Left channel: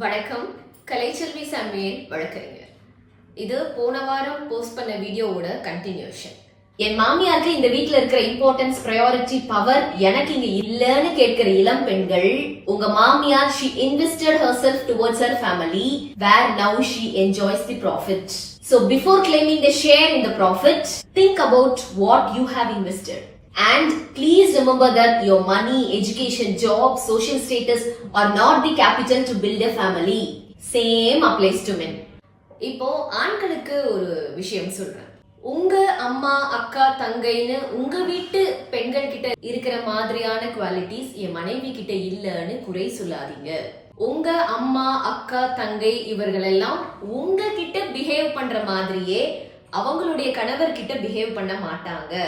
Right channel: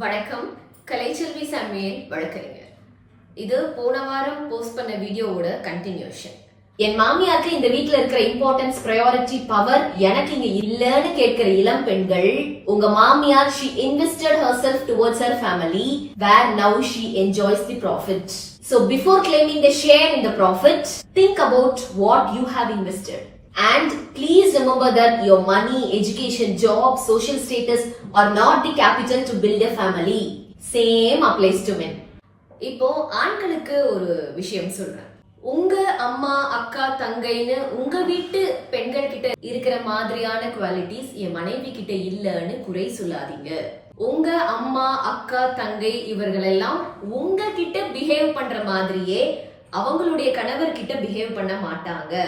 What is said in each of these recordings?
வணக்கம். கலைச்செல்வி சாமியின் வழக்கறிஞர். இது போன வாரம் போஸ்ட் பண்ண வீடியோவோட கண்டினியூஷன். என் மாமியாருக்கு இந்த வீட்ல இருக்கிற இம்பார்ட்டன்ஸ், பிரையாரிட்டி, பவர் எனக்கு இங்க இல்லன்னு கேட்கிற இளம் பெண்கள், உங்க மாமியார் she invested herself towards her family where now she enjoys the profit. So before claiming the share in the profit, think about what you have invested. And please remember that your money, education, job, social status are not the capital to build a family. Same applies to men. இப்போ ஆண்களுக்கு ஒரு விஷயம் சொல்றேன். உங்க அம்மா, அக்கா, தங்கைன்னு உங்க வீட்டு பெண்கள் கிட்ட இருக்கிற மாதிரியான குவாலிட்டிஸ் என் மனைவி கிட்ட இல்லன்னு குறை சொல்லாதீங்க. உங்க அம்மா, அக்கா, தங்கை இவர்களெல்லாம் உங்ககிட்ட பிஹேவ் பண்ற மாதிரியே அவங்களுடைய கணவர் கிட்ட பிஹேவ் பண்ண மாட்டாங்க.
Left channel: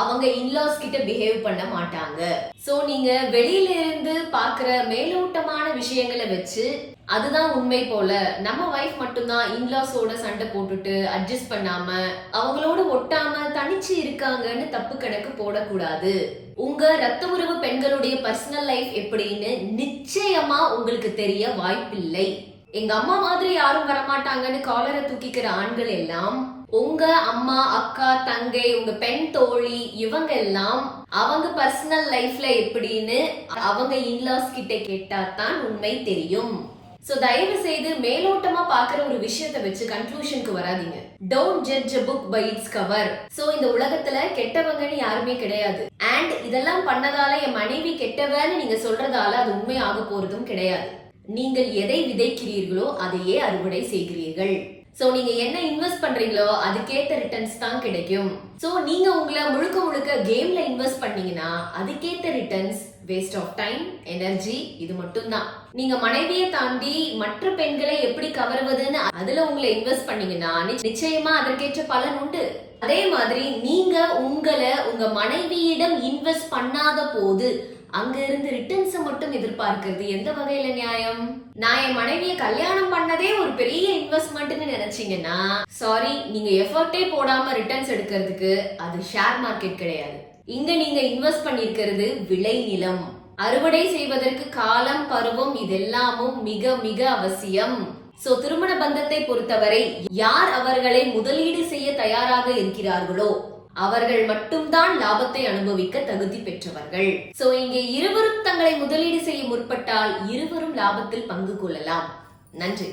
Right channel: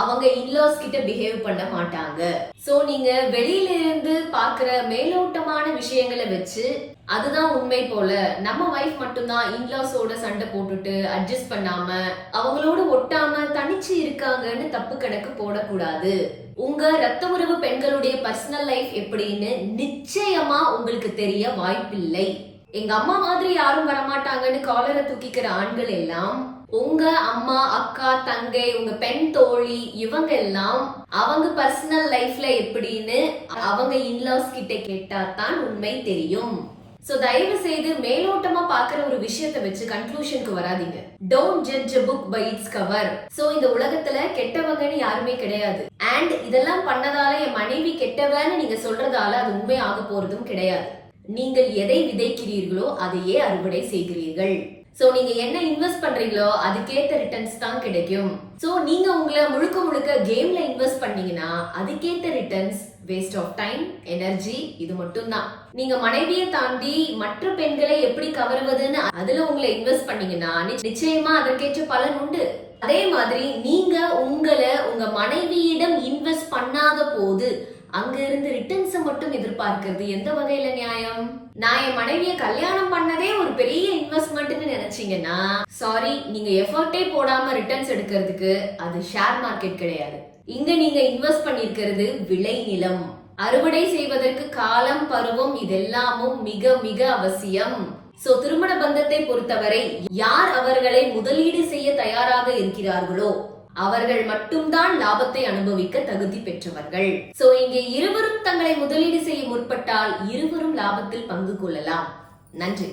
அவங்க இன்லாஸ் கிட்ட பிஹேவ் பண்ண மாட்டாங்க. சோ நீங்க வெளியில இருந்து பாக்குற மேலோட்டமான விஷயங்களை வச்சு அதுதான் உண்மை போல, நம்ம வைஃப் மட்டும்தான் இன்லாஸோட சண்டை போட்டுட்டு அட்ஜஸ்ட் பண்ணாம அவங்களோட ஒட்டாம தனிச்சு இருக்காங்கன்னு தப்பு கணக்கு போடக்கூடாது. உங்க ரத்த உறவு பெண்களுடைய பர்சனல் லைஃப் எப்படின்னு நிச்சயமா உங்களுக்கு தெரிய வாய்ப்பில்லை. எங்க அம்மா மாதிரி யாரும் வரமாட்டாங்கன்னு காலரை தூக்கிக்கிற ஆண்கள் எல்லாம் உங்க அம்மா, அக்கா, தங்கை, உங்க பெண் தோழி இவங்க எல்லாம் அவங்க பர்சனல் லைஃப்ல எப்படின்னு அவங்க இன்லாஸ் கிட்ட கேட்டா தான் உண்மை தெரியும். சோ தயவு செய்து மேலோட்டமா பாக்குற ஒரு விஷயத்தை வச்சு கன்க்ளூஷனுக்கு வராதீங்க. Don't judge a book by its cover. So இந்த உலகத்துல கெட்டவங்கன்னு யாருமே கிடையாது. அண்ட் இதெல்லாம் பண்ணதால என் மனைவி கெட்டவன்னு நீங்க சொல்றதால அது உண்மை ஆக போறதும் கிடையாது. நீங்கள் எதை விதைக்கிறீர்களோ அதையே அறுவடை செய்கிறீர்கள். சோ நீங்க என்ன இன்வெஸ்ட் பண்றீங்களோ அதுக்கேத்த ரிட்டர்ன்ஸ் தான் கிடைக்கும். சோ நீங்க உங்களை முழுக்க முழுக்க கேம்ல இன்வெஸ்ட் பண்ணீங்கன்னா அதுக்கேத்த returns waste of time, energy இது மட்டும் தான். நீங்க மனைவியை தாண்டி மற்ற பெண்களை எப்படி கவருவதுன்னு அதுல உங்களை இன்வெஸ்ட் பண்ணீங்கன்னா நிச்சயமா அதற்கேற்ற பலன் உண்டு. அதே மாதிரி நீங்க உங்களை உங்க மனைவியிடம் இன்வெஸ்ட் பண்ணாத போது அங்க இருந்து ரிட்டர்ன்ஸ் மட்டும் எதிர்பார்க்கிறது எந்த வகையில நியாயம்? நான் என் மனைவியை கல்யாணம் பண்ணதே ஒரு பெரிய இன்வெஸ்ட்மெண்ட்னு நினைச்சீங்கன்னா சாரி, நீங்க எஃபர்ட்டே போடாம ரிட்டர்ன்ஸ் எடுக்கிறதுக்கு அது ஷேர் மார்க்கெட் கிடையாது. இங்க நீங்க இன்வெஸ்ட் பண்ணிருக்கிறது விளை நிலம். அறுவடை செய்வதற்கு காலம், பருவம் இதெல்லாமும் மிக மிக அவசியம். சோ திருமண பந்தத்தை பொறுத்தவரை யார் அவர்களை முதலீடு செய்ய தயாராக இருக்கிறார்களோ அவர்கள் மட்டும்தான் லாபத்தை அனுபவிக்க தகுதி பெற்றவர்கள். சோ இங்கே இருவரும் தங்களை முதலீடு செய்ய முற்பட்டால் இருவரும் லாபத்தில் பங்கு கொள்ளலாம். நன்றி.